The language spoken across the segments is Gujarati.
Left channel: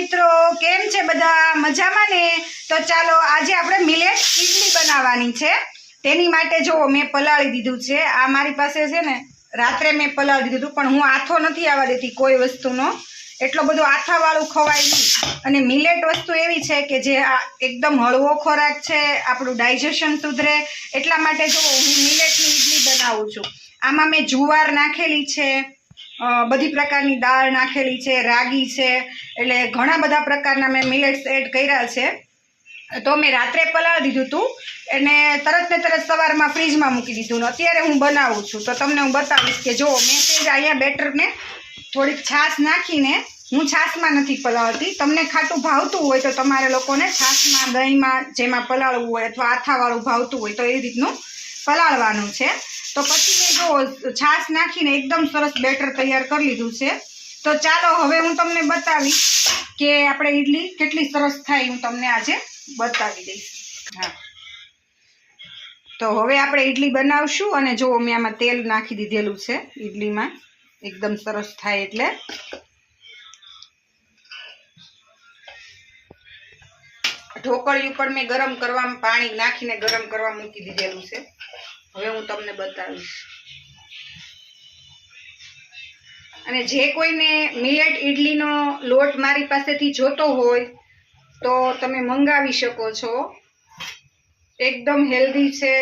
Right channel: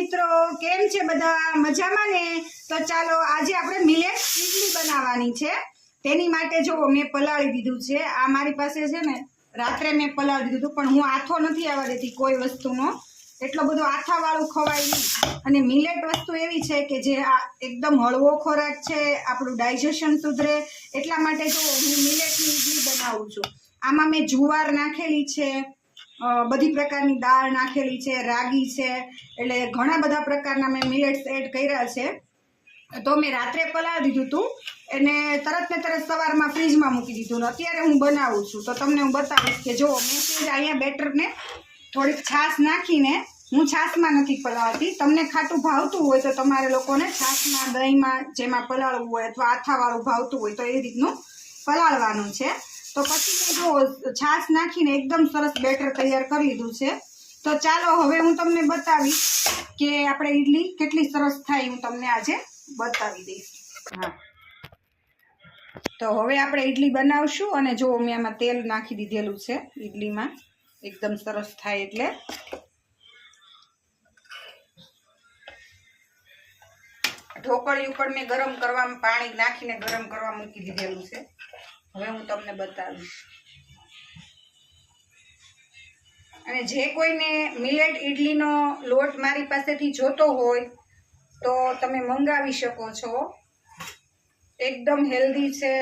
મિત્રો, કેમ છે બધા? મજામાં ને? તો ચાલો આજે આપણે મિલેટ ઇડલી બનાવવાની છે। તેની માટે જો મેં પલાળી દીધું છે। આ મારી પાસે છે ને રાત્રે મેં પલાળી દીધું, પણ હું આથો નથી આવવા દેતી કોઈ વસ્તુનો। એટલો બધો આથાવાળું ખવાય નહીં। અને મિલેટ વસ્તુ એવી છે કે જે એકદમ હળવો ખોરાક છે, આપણું ડાયજેશન સુધરે। એટલા માટે જો હું મિલેટની ઇડલી બનાવું છું। આમાં મેં જુવાર નાખેલી છે, બધી પ્રકારની દાળ નાખેલી છે, રાગી છે, એટલે ઘણા બધા પ્રકારના મેં મિલેટ્સ એડ કર્યા છે। તો મેં રાત્રે પલાળી દીધું હતું અને તરત ને તરત સવારમાં ફ્રીજમાં મૂકી દીધું। અત્યારે હું બનાવું છું તો તમને હું બતાવીશ કે જો મેં અહીંયા બેટરને થોડીક છાશ નાખીને, હું છાશમાં નથી પલાળતી। તમને ખાટું ભાવતું હોય તો તમારે લોકોને છાશમાં, દહીંમાં, જેમાં પલાળવું હોય અથવા આથાવાળું ભાવતું હોય તો એ રીતનું પલાળવાનું છે। તો પછી મેં જો છાશ નાખીને એકદમ સરસ બેટર તૈયાર કરી લીધું છે। તો ચાલો હવે હું તમને બતાવીશ કે આપણે ઇડલી કેટલી સરસ થાય, હું તમને આજે બતાવી દઈશ। હા, તો હવે આપણે ઇડલી બનાવશું અને જો મેં આમાં તેલ નાખી દીધેલું છે ઇડલીમાં, એકદમ સરસ થાય એટલે। ઢોકળી ઉપર મેં ગરમ કરવા પાણી નાખીને ગરમ કરવા મૂકી દીધેલું છે। હવે હું તમને બતાવીશ। અને જે કોઈને મિલેટ ઇડલીનો લોટ મારી પાસેથી જોતો હોય તો તમે મંગાવી શકો છો। એકદમ હેલ્ધી છે,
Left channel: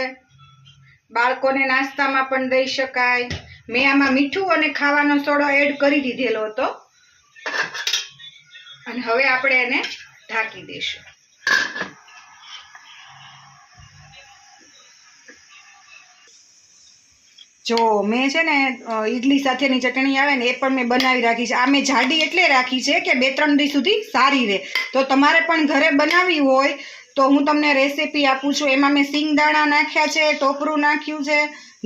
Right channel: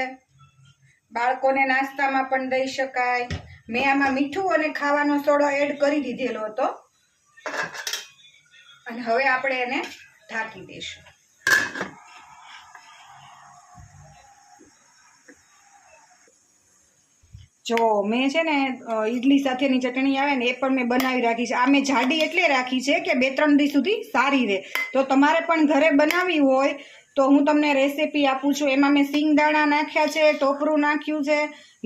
બાળકોને નાસ્તામાં પણ દઈ શકાય। મેં આમાં મીઠું અને ખાવાનો સોડો એડ કરી દીધેલો હતો અને હવે આપણે એને ઢાંકી દઈશું। જો મેં છે ને ઈડલી સાથેની ચટણી આવે ને એ પણ મેં બનાવી રાખી છે। આ મેં જાડી એટલે રાખી છે કે 2-3 દિવસ સુધી સારી રહે। તો તમારે પણ ઘરે બનાવવી હોય તો હું તમને રેસીપી આપું છું। એમાં મેં સિંગદાણા નાખ્યા છે, ટોપરું નાખ્યું છે,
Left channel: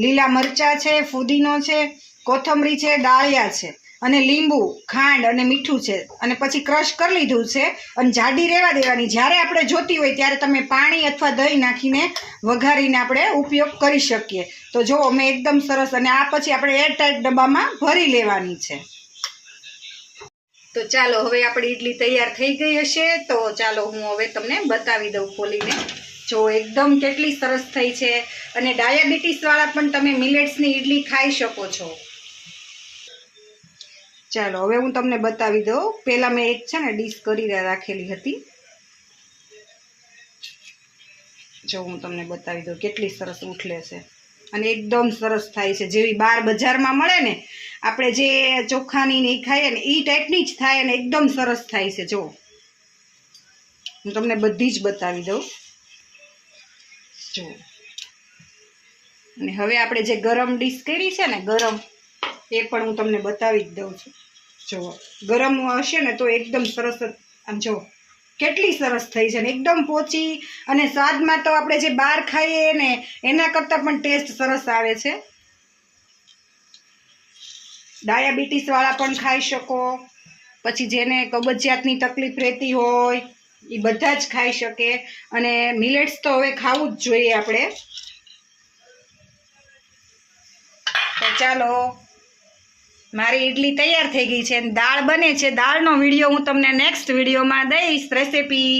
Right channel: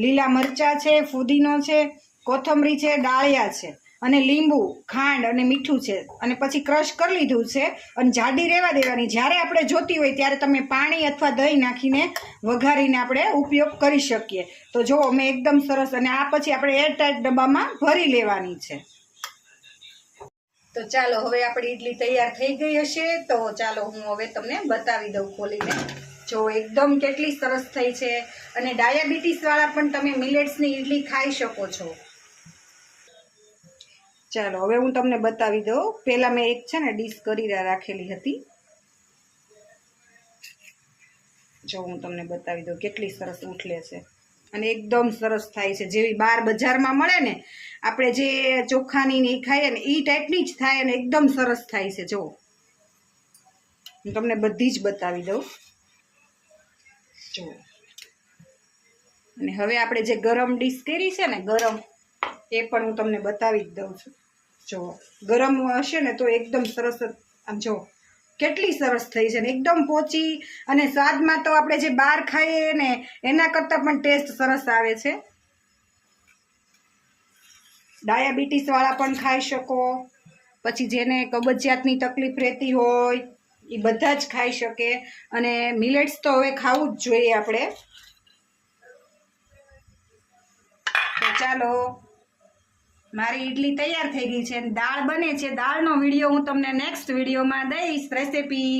લીલા મરચાં છે, ફુદીનો છે, કોથમરી છે, ડાળિયા છે અને લીંબુ, ખાંડ અને મીઠું છે અને પછી ક્રશ કરી લીધું છે અને જાડી રહેવા દેવાની। જ્યારે આપણે જોતી હોય ત્યારે તમે પાણી અથવા દહીં નાખીને વઘારીને આપણે ઉપયોગ કરી શકીએ। તો જો મેં એકદમ સરસ, અને આ પછી આપણે એરટાઈટ ડબ્બામાં ભરી લેવાની છે। તો ચાલો હવે આપણી ઇડલી તૈયાર થઈ ગઈ હશે, તો ચાલો હું હવે તમને બતાવી દઉં ખોલીને। જો એકદમ કેટલી સરસ થઈ છે અને ડાયાબિટીસવાળા પણ તમે મિલેટ્સની ઇડલી ખાઈ શકો છો। ચાલો હવે હું તમને બતાવી દઉં। પહેલાં મેં એક છે ને ડીશ કરી રાખેલી હતી, જો હું તમને બતાવી દઉં કેટલી સરસ ઉઠલે છે અને એકદમ સરસ થાય છે। જેવી બહાર બજારમાં મળે ને આપણે જે ચોખાની ને ખાઈએ ને એ ટાઈપની જ થાય અને એકદમ સરસ થાય છે। જો હું તમને બધી જ બતાવી દઉં, જો। અને હવે આપણે જે ગરમ ડીશ કરી છે ને ગરમ, એ પણ હું તમને બતાવી જ દઉં છું। જો ગરમ હશે ને તો એકદમ સરસ, આમ જો કેટલી સરસ થઈ છે ને એકદમ પોચી, અને સ્વાદમાં તો આપણે જે બહાર ખાઈએ ને એના કરતાં પણ ટેસ્ટ સરસ આવે છે। ડાયાબિટીસવાળા પણ ખાઈ શકો, પછી જેને કબજિયાતની તકલીફ રહેતી હોય એ બધા જ ખાઈ શકે। અને મિલેટ્સ તો હવે ખાવું જ જોઈએ આપણે। તો ચાલો મારી ઇડલી તૈયાર થઈ ગઈ છે, દાળ બને છે। દાળનો વિડીયો હું તમને નેક્સ્ટ વિડીયોમાં દઈશ, રેસીપી।